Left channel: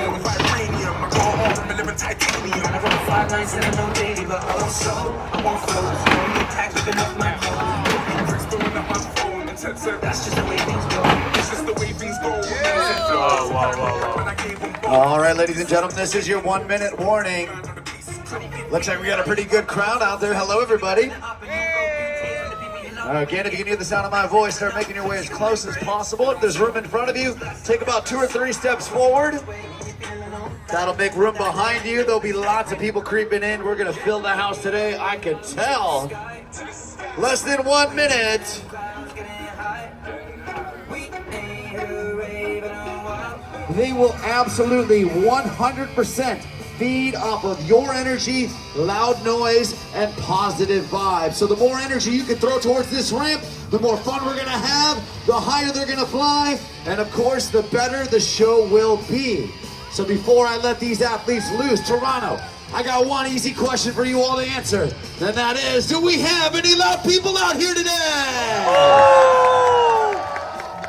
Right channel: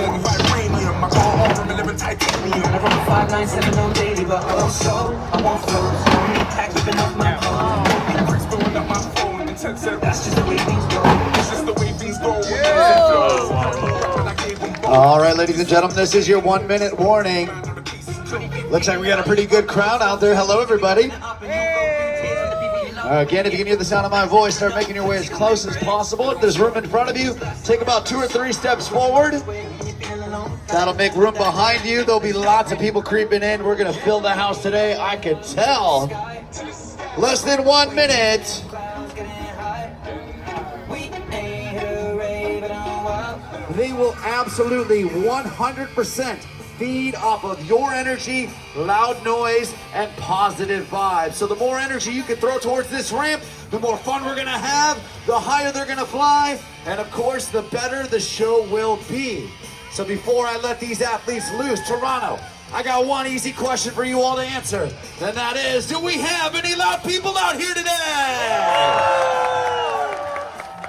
All right, ladies and gentlemen, this is your 1 minute warning. Looks like we got a pretty good crowd out there. Hello, everybody. Again, if you can hear the sound of my voice, start making your way as close as possible. If there's room in front of you, take about 2 or 3 steps forward. That'll make room behind you. There'll be lots of people creeping in. We're going to fill the house today. I can tell. Less than 1 minute. They will absolutely 100% feed off of your energy, loud noise, and positive vibes. So the more energy you can throw towards this ramp, the more fun we're gonna have, the higher they're gonna fly, and of course, the better the show will be. So before I let these athletes loose, Toronto, I got one easy question for you all to answer, and that is, do we have any loud people out here today?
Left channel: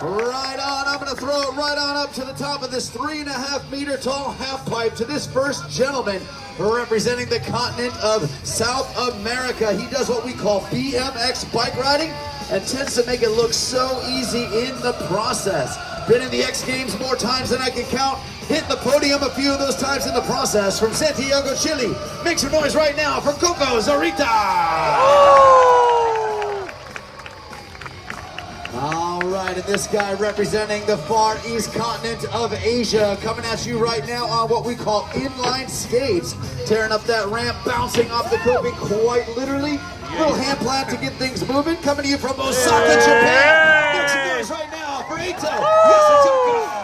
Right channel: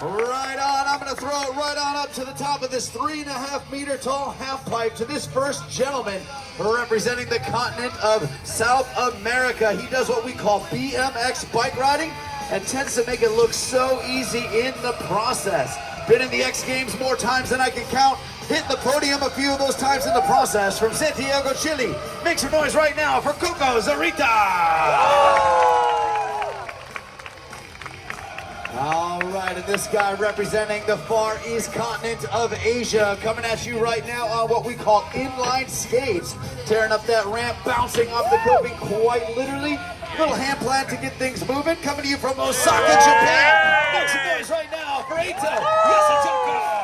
Right on, I'm gonna throw it right on up to the top of this 3.5 meter tall half pipe to this first gentleman representing the continent of South America. He does what we call BMX bike riding and tends to make it look so easy in the process. Been in the X Games more times than I can count. Hit the podium a few of those times in the process. From Santiago, Chile, make some noise right now for Coco Zorita. All right, and this guy representing the far east continent of Asia, coming at you right now on what we call inline skates, tearing up that ramp, bouncing off the coping quite literally. Little hand plant to get things moving, coming to you from Osaka, Japan. Make some noise right now for Eito Yasutoko.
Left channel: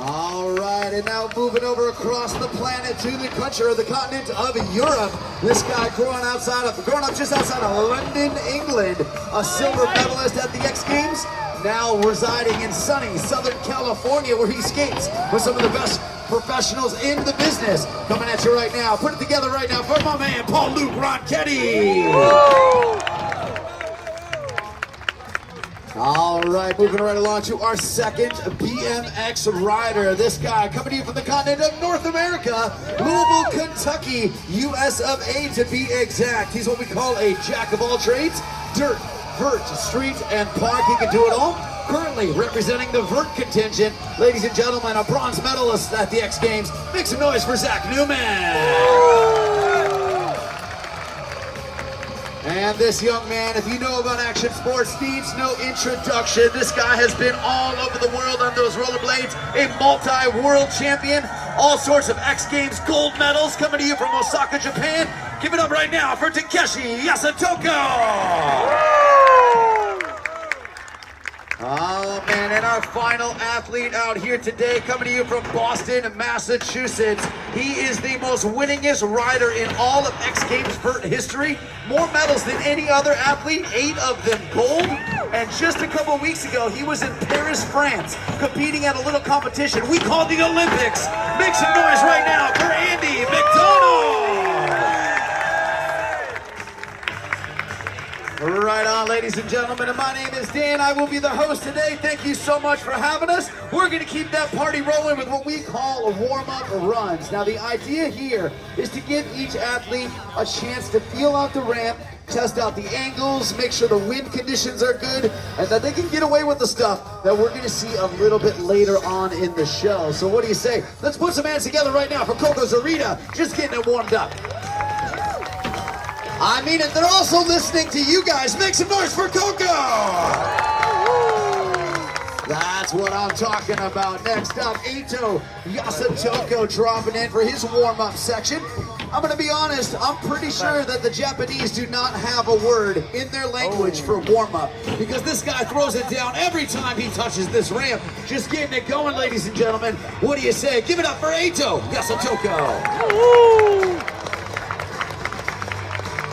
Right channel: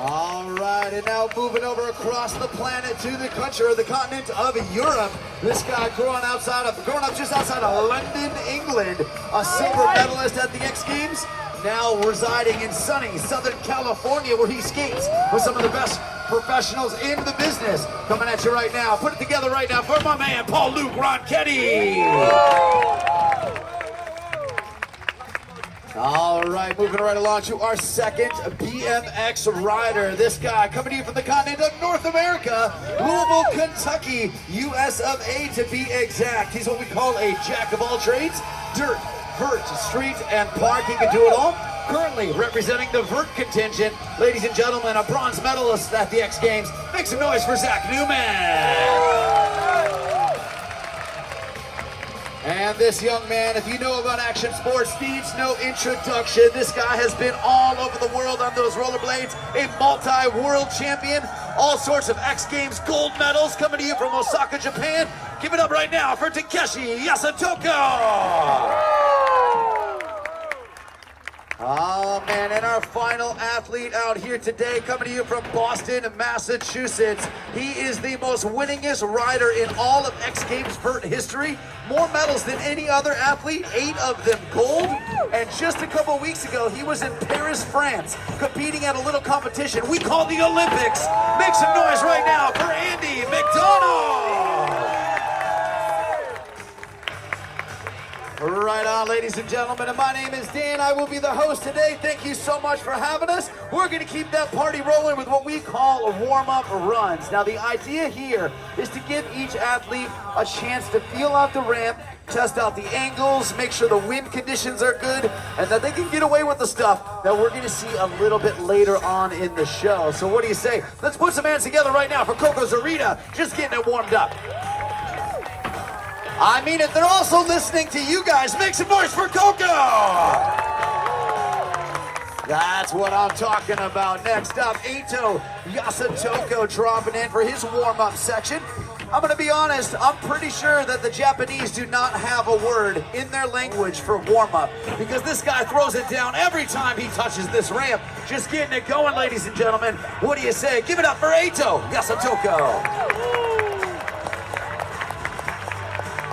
All right, and now moving over across the planet to the country or the continent of Europe. This guy growing up just outside of London, England, a silver medalist at the X Games, now residing in sunny Southern California, where he skates with some of the best professionals in the business. Coming at you right now, put it together right now for my man, Paul-Luc Ronchetti. All right, moving right along to our second BMX rider. This guy coming to you from the continent of North America, Louisville, Kentucky, US of A to be exact. He's what we call a jack of all trades. Dirt, vert, street, and park. He can do it all. Currently representing the vert contingent, ladies and gentlemen, a bronze medalist at the X Games. Make some noise for Zach Newman. And this young man, if you know about action sports, needs no introduction. This guy has been all over the world on those rollerblades, a multi-world champion, all sorts of X Games gold medals coming to you from Osaka, Japan. Give it up right now for Takeshi Yasutoko. Oh man, and our final athlete out here today, coming to you from Boston, Massachusetts. He is the most winningest rider in all of X Games vert history. More medals than any other athlete, 8 of them gold. And just a couple of weeks ago, he was in Paris, France, competing at a little competition we call the Olympics. Make some noise right now for Andy McDonald. Right on, ladies and gentlemen, and my name is Dan. I will be the host today. Thank you so much for having us. We're going to keep that party rolling with what we call warm-up runs. Now, the idea here is to give each athlete a chance to feel out the ramp, test out the angles, make sure the wind conditions are good, and that they can get away with the stuff that we're going to see a little bit later on in the show. So what do you say? Let's put some hands together right now for Coco Zorita, just getting it warmed up. I mean it, they're also listening to you guys. Make some noise for Coco! That's what I'm talking about. Next up, Eito Yasutoko dropping in for his warm-up section. I'm gonna be honest, I'm pretty sure that the Japanese do not have a word in their language for warm-up, because this guy throws it down every time he touches this ramp. Just getting it going, ladies and gentlemen. What do you say? Give it up for Eito Yasutoko.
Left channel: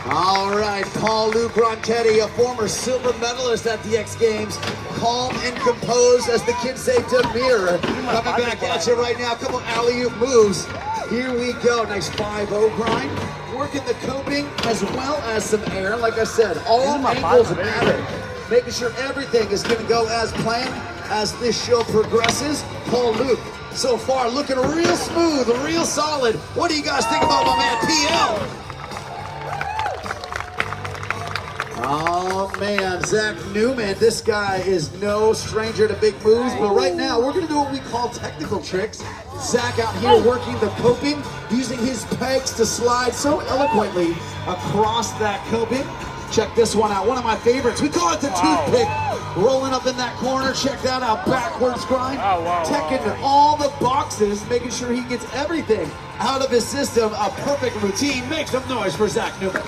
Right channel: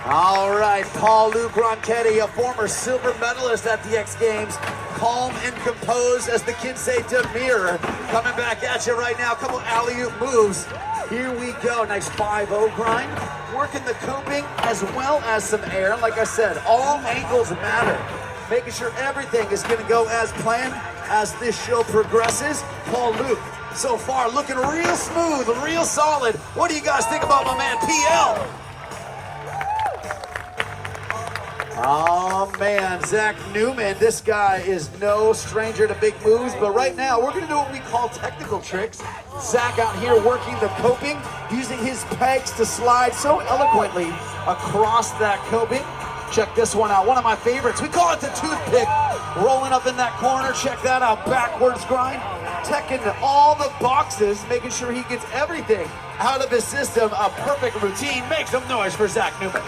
All right, Paul-Luc Ronchetti, a former silver medalist at the X Games, calm and composed, as the kids say, demure, coming back at you right now. Couple alley-oop moves. Here we go. Nice 5-0 grind. Working the coping as well as some air. Like I said, all angles matter. making sure everything is going to go as planned as this show progresses. Paul Luke, so far looking real smooth, real solid. What do you guys think about my man PL? Oh man, Zach Newman, this guy is no stranger to big moves, but right now we're gonna do what we call technical tricks. Zach out here working the coping, using his pegs to slide so eloquently across that coping. Check this one out, one of my favorites. We call it the toothpick. Rolling up in that corner, check that out, backwards grind. Checking all the boxes, making sure he gets everything out of his system. A perfect routine. Make some noise for Zach Newman.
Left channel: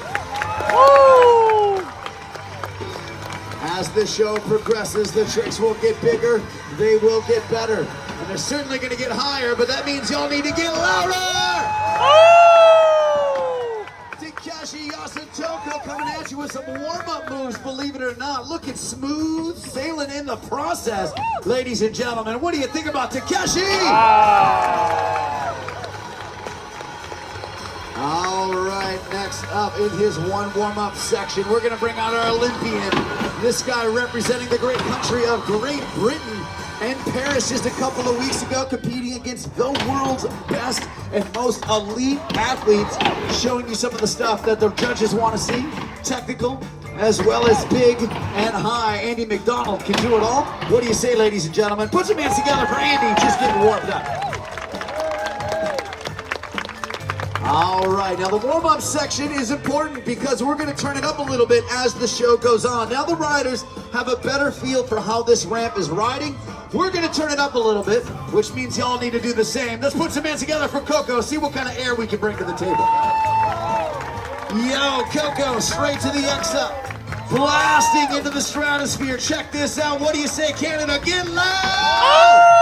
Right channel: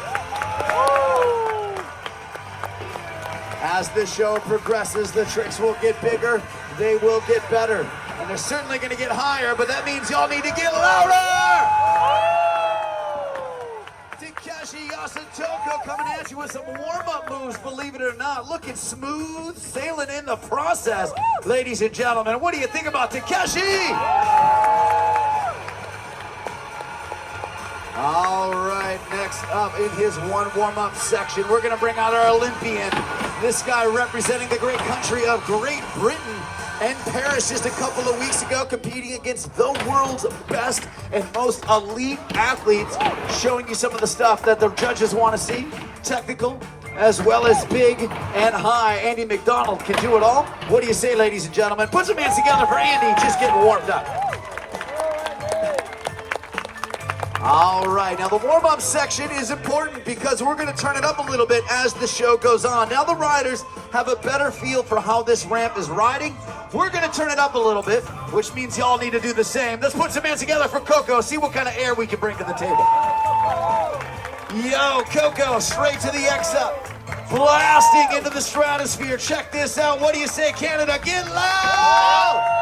As the show progresses, the tricks will get bigger, they will get better. And they're certainly gonna get higher, but that means y'all need to get louder! Takeshi Yasutoko coming at you with some warm-up moves, believe it or not. Looking smooth, sailing in the process. Ladies and gentlemen, what do you think about Takeshi? All right, next up in his one warm-up section, we're gonna bring out our Olympian. This guy representing the great country of Great Britain and Paris just a couple of weeks ago, competing against the world's best and most elite athletes, showing you some of the stuff that the judges want to see, technical as well as big and high. Andy McDonald can do it all. What do you say, ladies and gentlemen? Put some hands together for Andy, just getting warmed up. All right, now the warm-up section is important because we're going to turn it up a little bit as the show goes on. Now the riders have a better feel for how this ramp is riding. We're going to turn it up a little bit, which means y'all need to do the same. Let's put some hands together for Coco, see what kind of air we can bring to the table. Yo, Coco, straight to the X up, blasting into the stratosphere. Check this out. What do you say, Canada? Get loud!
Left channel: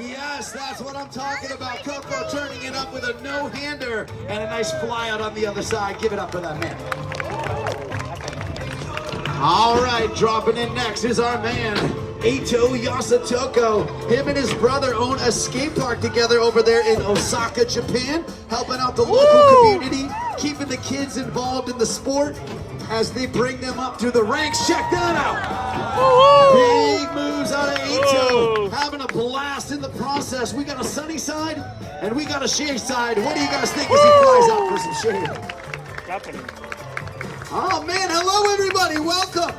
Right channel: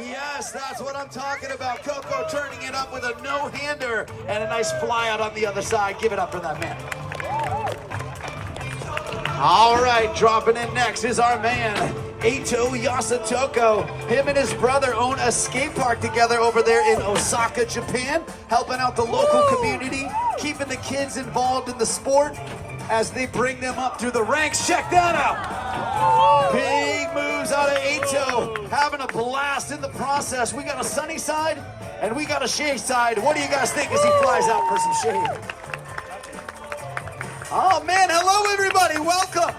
Yes, that's what I'm talking about. Coco turning it up with a no-hander and a nice fly out on the other side. Give it up for that man. All right, dropping in next is our man, Eito Yasutoko. Him and his brother own a skate park together over there in Osaka, Japan, helping out the local community, keeping the kids involved in the sport as they bring them up through the ranks. Check that out. Big moves out of Eito, having a blast in the process. We got a sunny side and we got a shade side. What do you guys think as he flies out for some shade? Oh man, hello everybody, welcome.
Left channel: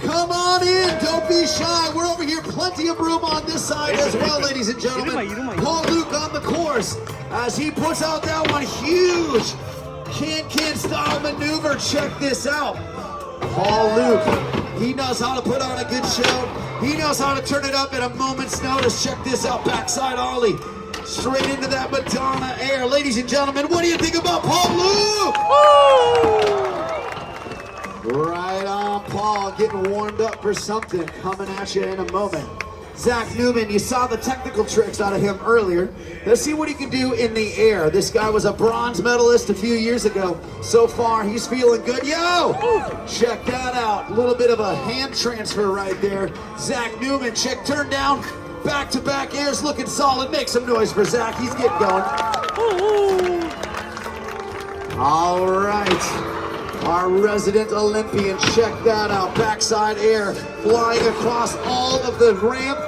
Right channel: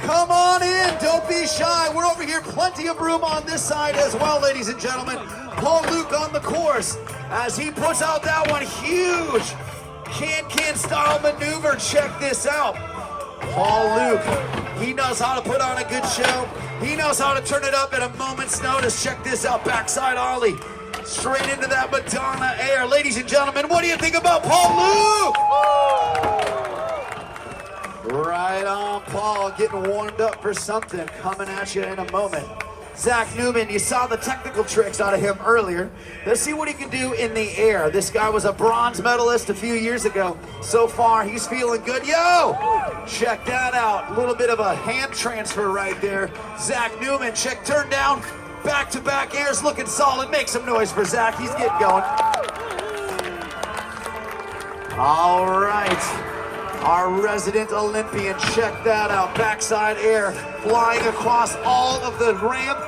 Come on in, don't be shy. We're over here, plenty of room on this side as well, ladies and gentlemen. Paul Luke on the course as he puts out that one huge can-can style maneuver. Check this out. Paul Luke, he knows how to put on a good show. He knows how to turn it up at a moment's notice. Check this out, backside ollie. Straight into that Madonna air. Ladies and gentlemen, what do you think about Paul Luke? Right on, Paul, getting warmed up for something. Coming at you in a moment. Zach Newman, you saw the technical tricks out of him earlier. Let's see what he can do in the air. This guy was a bronze medalist a few years ago. So far, he's feeling good. Yo! Check that out. A little bit of a hand transfer right there. Zach Newman, check, turn down. Back-to-back airs looking solid. Make some noise for Zach. He's getting going. All right. Our resident Olympian, check that out. Backside air, flying across all of the ramp,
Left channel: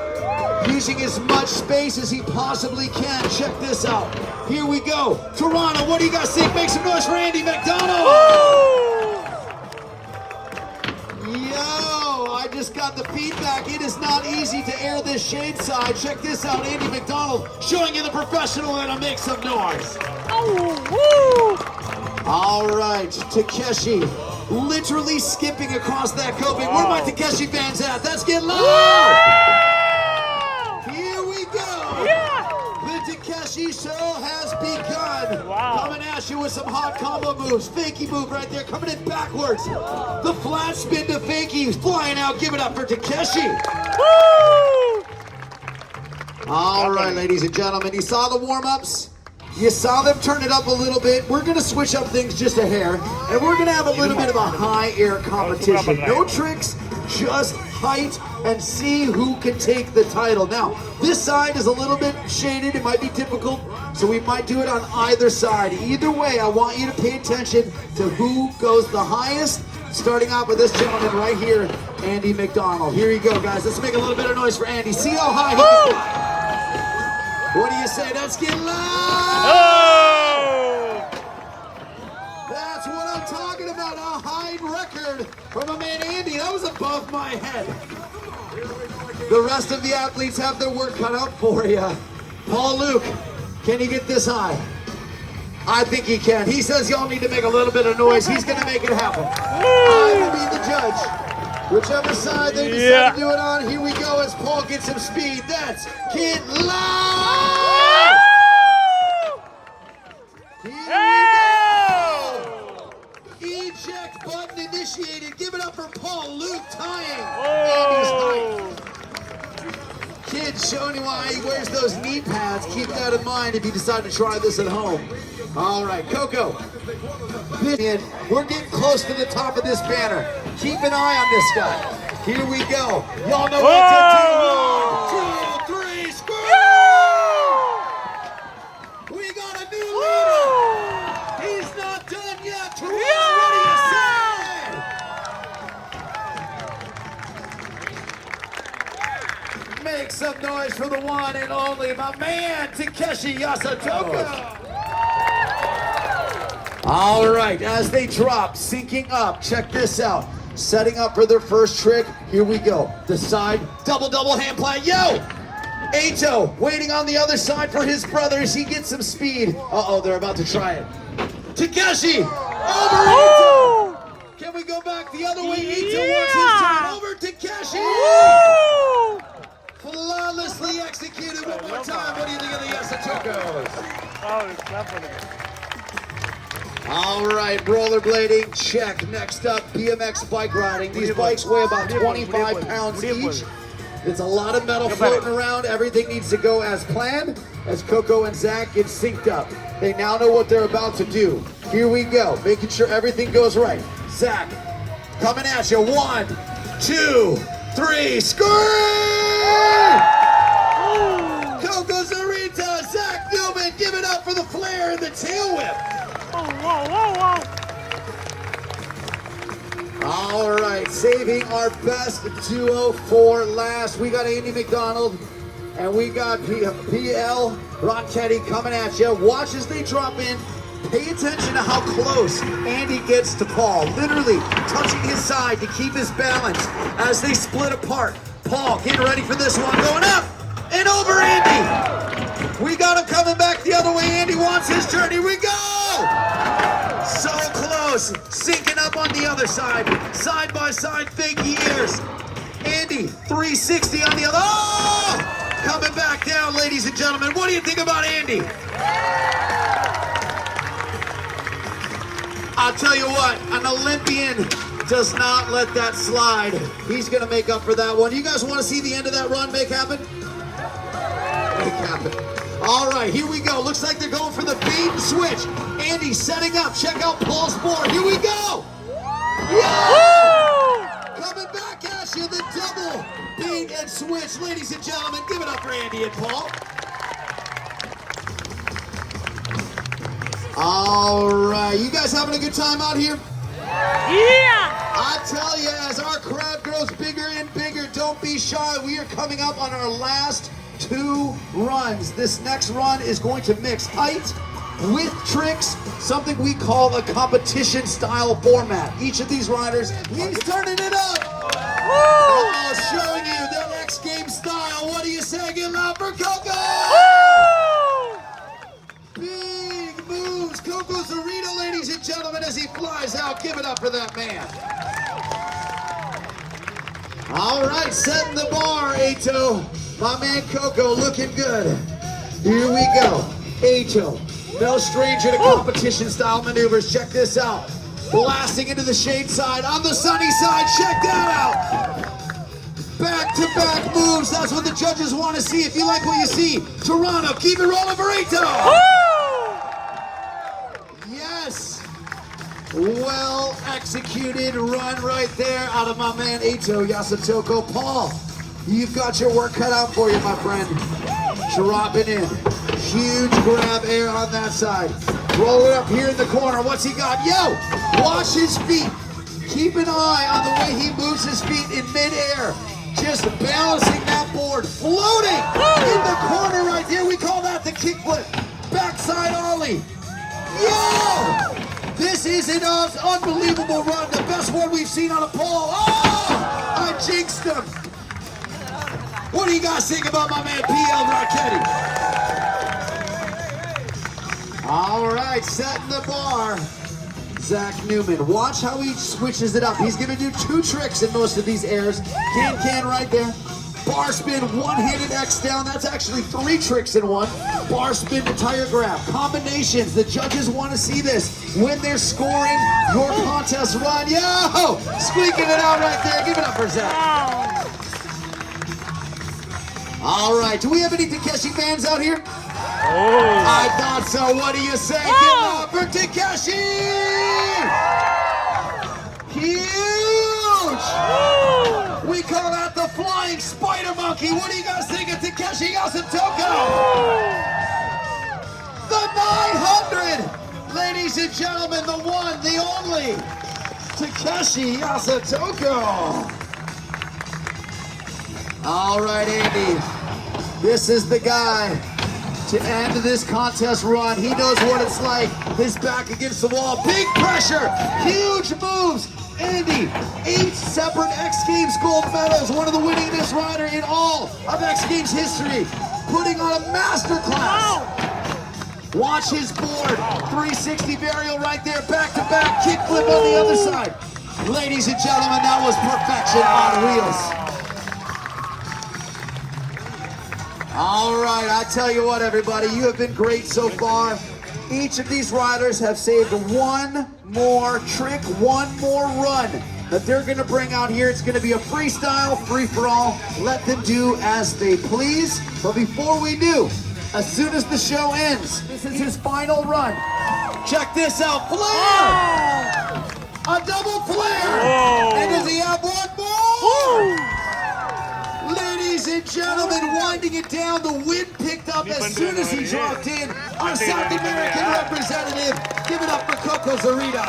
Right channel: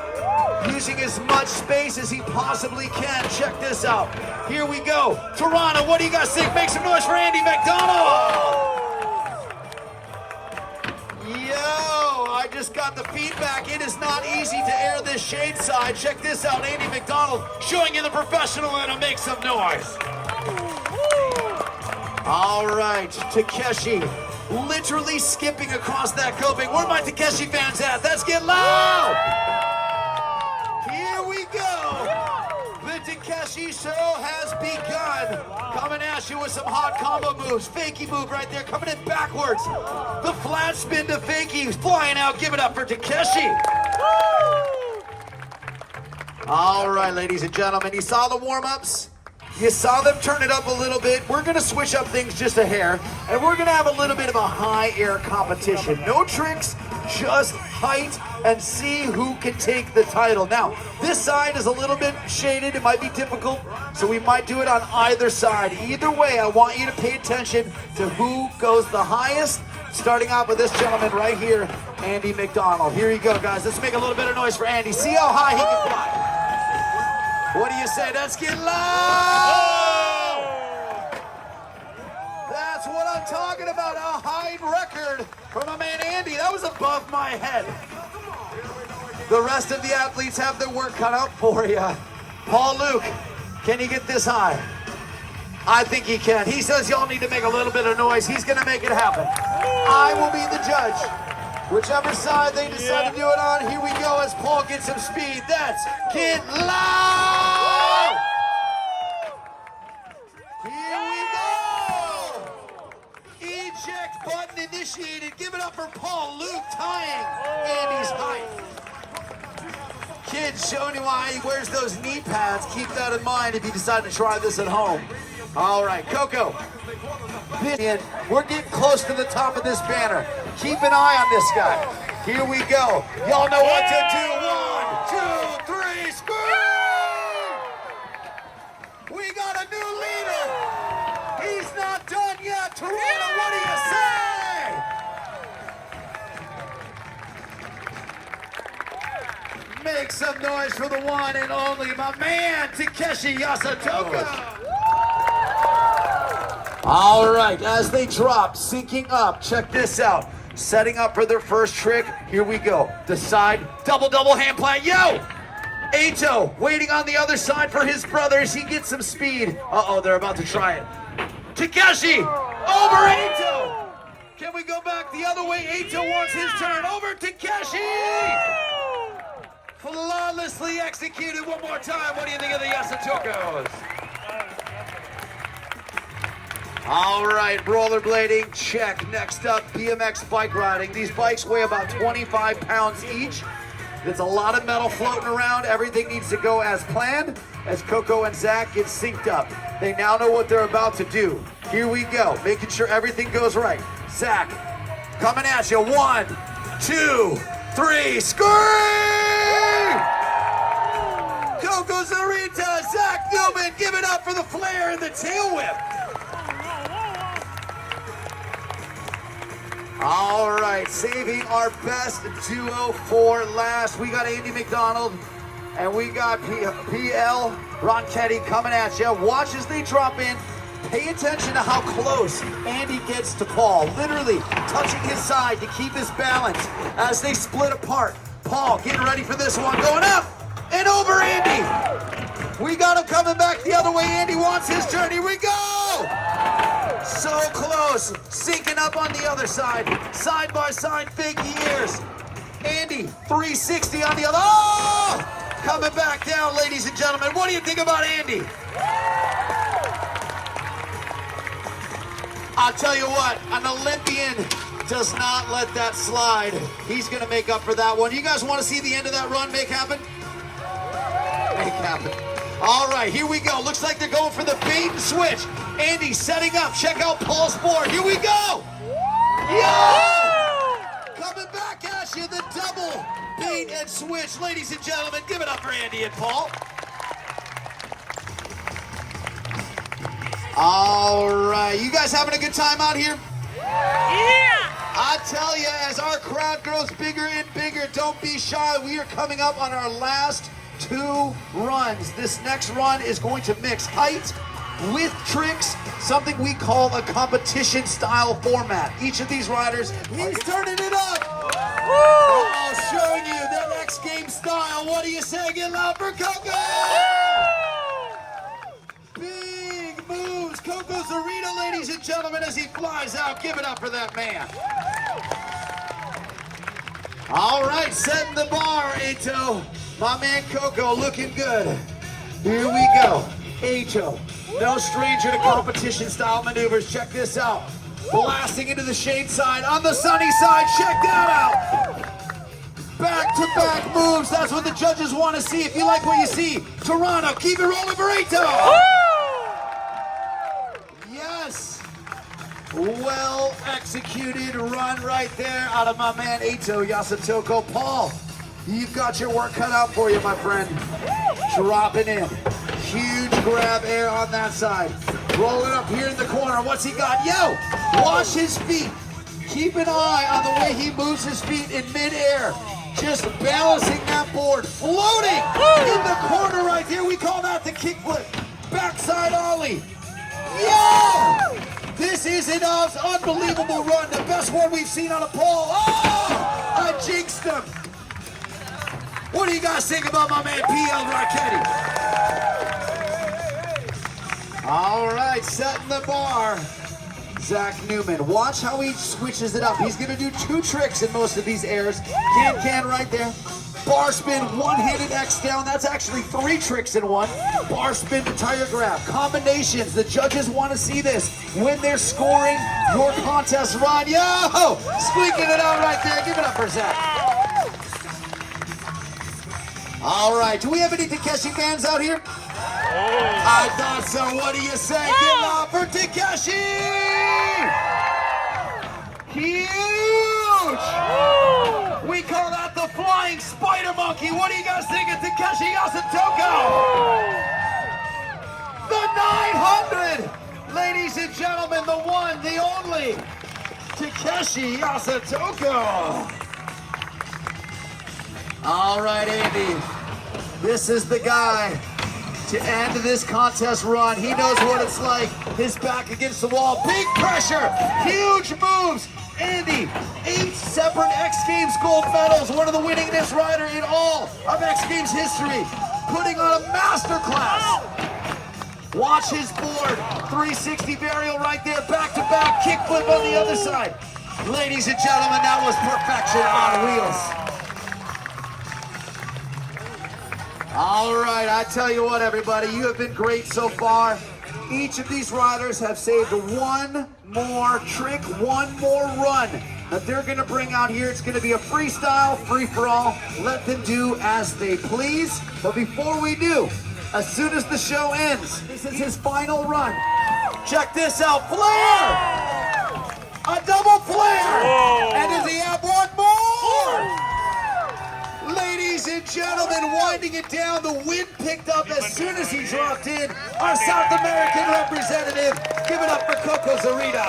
using as much space as he possibly can. Check this out. Here we go. Toronto, what do you guys think? Make some noise for Andy McDonald. Yo, I just got the feedback. It is not easy to air this shade side. Check this out. Andy McDonald showing you the professional and make some noise. All right, Takeshi literally skipping across that coping. Where are my Takeshi fans at? Let's get loud! Here we go! The Takeshi show has begun. Coming at you with some hot combo moves. Fakie move right there, coming in backwards. The flat spin to Fakie, flying out. Give it up for Takeshi. All right, ladies and gentlemen, you saw the warm-ups? You saw them turn it up a little bit. We're going to switch up things just a hair, and we're going to have a little bit of a high air competition. No tricks, just height, and see who can take the title. Now, this side is a little bit shaded. It might be difficult, so we might do it on either side. Either way, I want you to pay attention to who goes the highest Starting out with this gentleman right here, Andy McDonald. Here you go, guys. Let's make a little bit of noise for Andy. See how high he can fly. What do you say? Let's get loud! Oh! That's what I'm talking about. A high record from a man, Andy. That was above my head. The rest of the athletes have their work cut out for you. Paul Luke, can you get this high? I think he can. He says y'all need to make a little bit of noise. He's going to make it happen. I will be the judge. Whichever side they decide to do it on, here we go as Paul gets some speed. That's Get Loud! Here we go! Eject button initiated. Give it up for Paul Luke tying Andy's height. Kids, showing you why he wears those knee pads. Keep that in mind if you decide to try this at home. All right, Coco. We're getting close to the top of this banner. Keep an eye on this guy. Here we go. Y'all know what to do. 1, 2, 3, score! We got a new leader. He's not done yet. Toronto, what do you say? Make some noise for the one and only, my man, Takeshi Yasutoko. All right, as they drop, syncing up, check this out. Setting up for their first trick, here we go. The side, double hand plant, yo! Ato, waiting on the other side for his brothers. He gets some speed. Uh-oh, they're about to try it. Takeshi, over Ato! Can we go back the other way? Ato wants his turn, over Takeshi! Flawlessly executed one more time. What do you think of the Yasutokos? All right, rollerblading, check. Next up, BMX bike riding. These bikes weigh about 25 pounds each. There's a lot of metal floating around. Everything needs to go as planned as Coco and Zach get synced up. They now know what they're about to do. Here we go, making sure everything goes right. Zach, coming at you. 1, 2, 3, scream! Coco Zarita, Zach Philbin, give it up for the flare and the tail whip. All right, saving our best duo for last. We got Andy McDonald and we got PL Ronchetti coming at you. Watch as they drop in. Pay attention to how close Andy gets to Paul. Literally touching his side to keep his balance as they split apart. Paul getting ready for this one. Going up and over Andy. We got him coming back the other way. Andy wants his turn. Here we go. So close. Syncing up on the other side. Side by side, fake ears. Andy, 360 on the other. Oh! Coming back down, ladies and gentlemen. What do you think about Andy? I'll tell you what, an Olympian does not let that slide. He's going to make up for that one. You guys want to see the end of that run make happen? Make happen. All right, here we go. Looks like they're going for the bait and switch. Andy setting up. Check out Paul's board. Here we go. Yeah! Coming back at you, the double bait and switch. Ladies and gentlemen, give it up for Andy and Paul. All right, you guys having a good time out here? Yeah! I tell you, as our crowd grows bigger and bigger, don't be shy. We are coming up on our last 2 runs. This next run is going to mix height with tricks, something we call a competition style format. Each of these riders, he's turning it up. Woo! Oh, showing you the X Games style. What do you say? Get loud for Coco! Woo! Big moves. Coco Zarita, ladies and gentlemen, as he flies out. Give it up for that man. All right, setting the bar, Ato. My man Coco looking good. Here we go. Ato, no stranger to competition style maneuvers. Check this out. Blasting into the shade side on the sunny side. Check that out. Back-to-back moves. That's what the judges want to see. If you like what you see, Toronto, keep it rolling for Ato. Yes. Well executed run right there out of my man Ato Yasutoko. Paul, you've got your work cut out for you, my friend. Dropping in. Huge grab air on that side. Roll it up here in the corner. What's he got? Yo, watch his feet. Keep an eye on the way he moves his feet in midair. Just balancing that board, floating in the corner right here. We call that the kickflip. Backside ollie. Yo! This is an unbelievable run. The best one we've seen on a pole. Oh! I jinxed him. What do you guys think about my man PL Marchetti? All right, setting the bar. Zach Newman. Watch how he switches it up. He's going to do 2 tricks in most of these airs. Can right there. Bar spin, one-handed X down. That's actually 3 tricks in one. Bar spin to tire grab. Combinations. The judges want to see this when they're scoring your contest run. Yo! Squeaking it out right there. Give it up for Zach. All right. Do we have any Takeshi fans out here? Oh. I thought so. What do you say? Give it up for Takeshi! Huge! We call that the flying spider monkey. What do you guys think of Takeshi Yasutoko? The 900! Ladies and gentlemen, the one, the only, Takeshi Yasutoko. All right, Andy. This is the guy to end this contest run. He knows what it's like. His back against the wall. Big pressure. Huge moves. Andy, 8 separate X Games gold medals. One of the winningest rider in all of X Games history. Putting on a masterclass. Watch his board. 360 varial right there. Back to back. Kickflip on the other side. Ladies and gentlemen, that was perfection on wheels. All right, I tell you what, everybody, you have been great so far. Each of these riders have saved one more trick, one more run that they're going to bring out here. It's going to be a freestyle, free-for-all. Let them do as they please. But before we do, as soon as the show ends, this is his final run. Check this out, flare! A double flare! Whoa. And does he have one more? Ladies and gentlemen, winding it down, the wind picked up as soon as he dropped in. Our South American representative, give it up for Coco Zarita.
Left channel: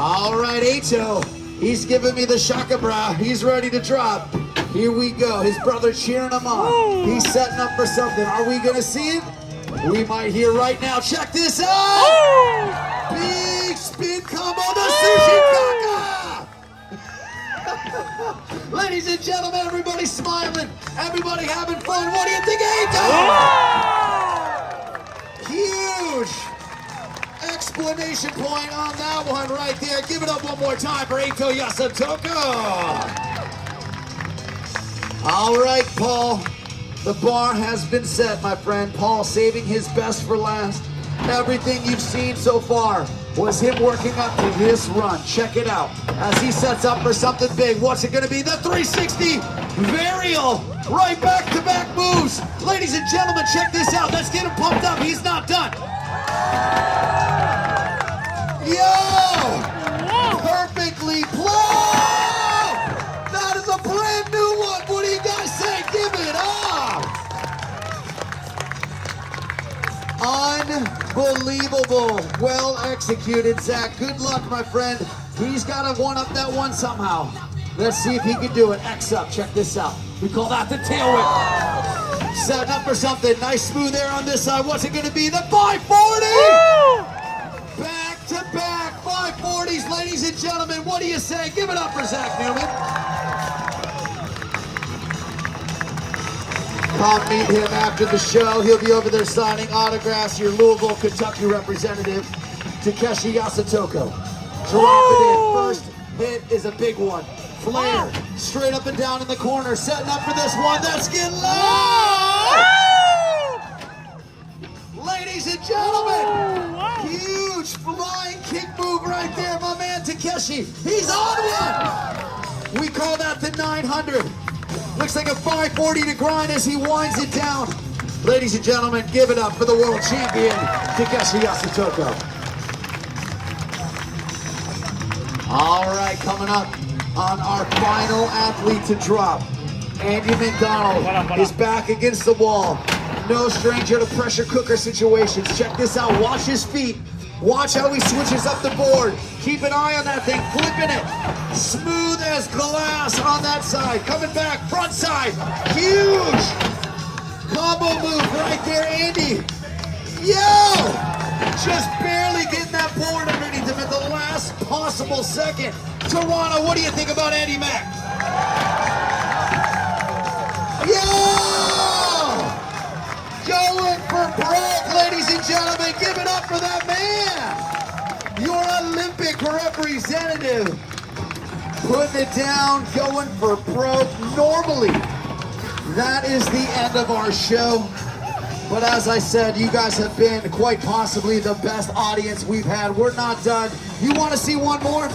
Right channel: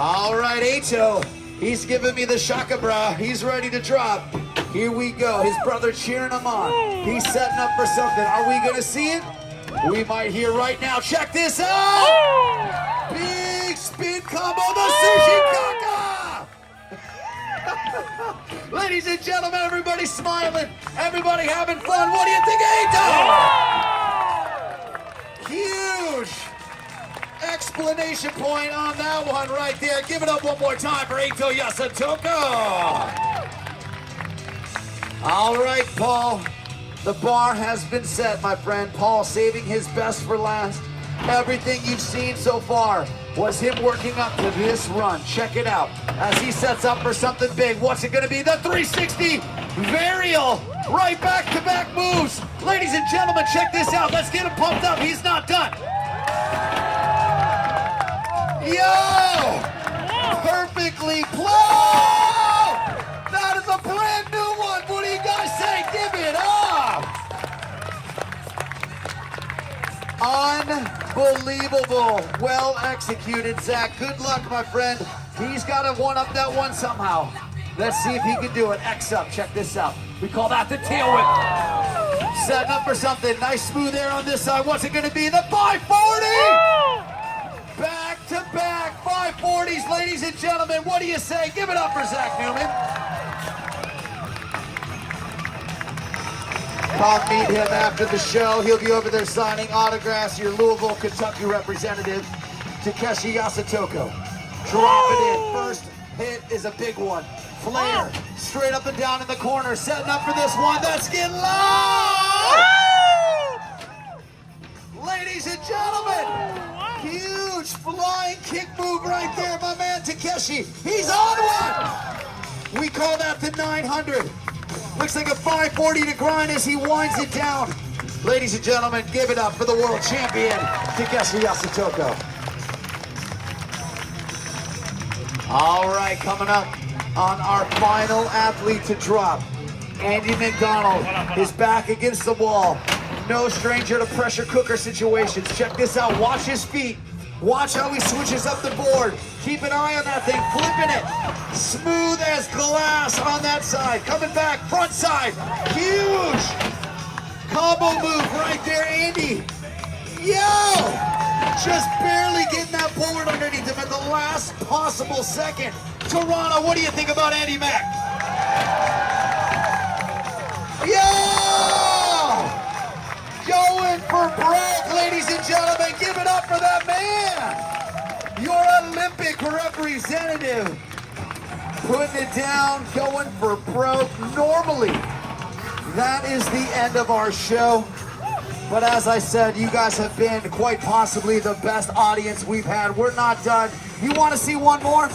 All right, Acho, he's giving me the shaka bra. He's ready to drop. Here we go. His brother cheering him on. He's setting up for something. Are we going to see it? We might hear right now. Check this out. Big spin combo, the sushi kaka. Ladies and gentlemen, everybody smiling, everybody having fun. What do you think, Aito? Huge explanation point on that one right there. Give it up one more time for Aito Yasutoko. All right, Paul. The bar has been set, my friend. Paul saving his best for last. Everything you've seen so far was him working up to this run. Check it out as he sets up for something big. What's it going to be? The 360 varial. Right back-to-back moves. Ladies and gentlemen, check this out. Let's get him pumped up. He's not done. Yo! Perfectly played! That is a brand new one. What do you guys say? Give it up! Unbelievable. Well executed, Zach. Good luck, my friend. He's got to one-up that one somehow. Let's see if he can do it. X up. Check this out. We call that the tail whip. Setting up for something. Nice smooth air on this side. What's it going to be? The 540! Back-to-back 540s, ladies and gentlemen. What do you say? Give it up for Zach Newman. Come meet him after the show. He'll be over there signing autographs. Your Louisville, Kentucky representative, Takeshi Yasutoko. Drop it in. First hit is a big one. Flare, straight up and down in the corner. Setting up for this one. Let's get loud! Ladies and gentlemen, huge flying kick move right there. My man Takeshi, he's on one. We call that the 900. Looks like a 540 to grind as he winds it down. Ladies and gentlemen, give it up for the world champion, Takeshi Yasutoko. All right, coming up on our final athlete to drop. Andy McDonald is back against the wall. No stranger to pressure cooker situations. Check this out, watch his feet. Watch how he switches up the board. Keep an eye on that thing, flipping it. Smooth as glass on that side. Coming back, front side. Huge combo move right there, Andy. Yo! Just barely getting that board underneath him at the last possible second. Toronto, what do you think about Andy Mack? Yo! Going for broke, ladies and gentlemen. Give it up for that man. Your Olympic representative. Putting it down, going for broke. Normally, that is the end of our show. But as I said, you guys have been quite possibly the best audience we've had. We're not done. You want to see one more?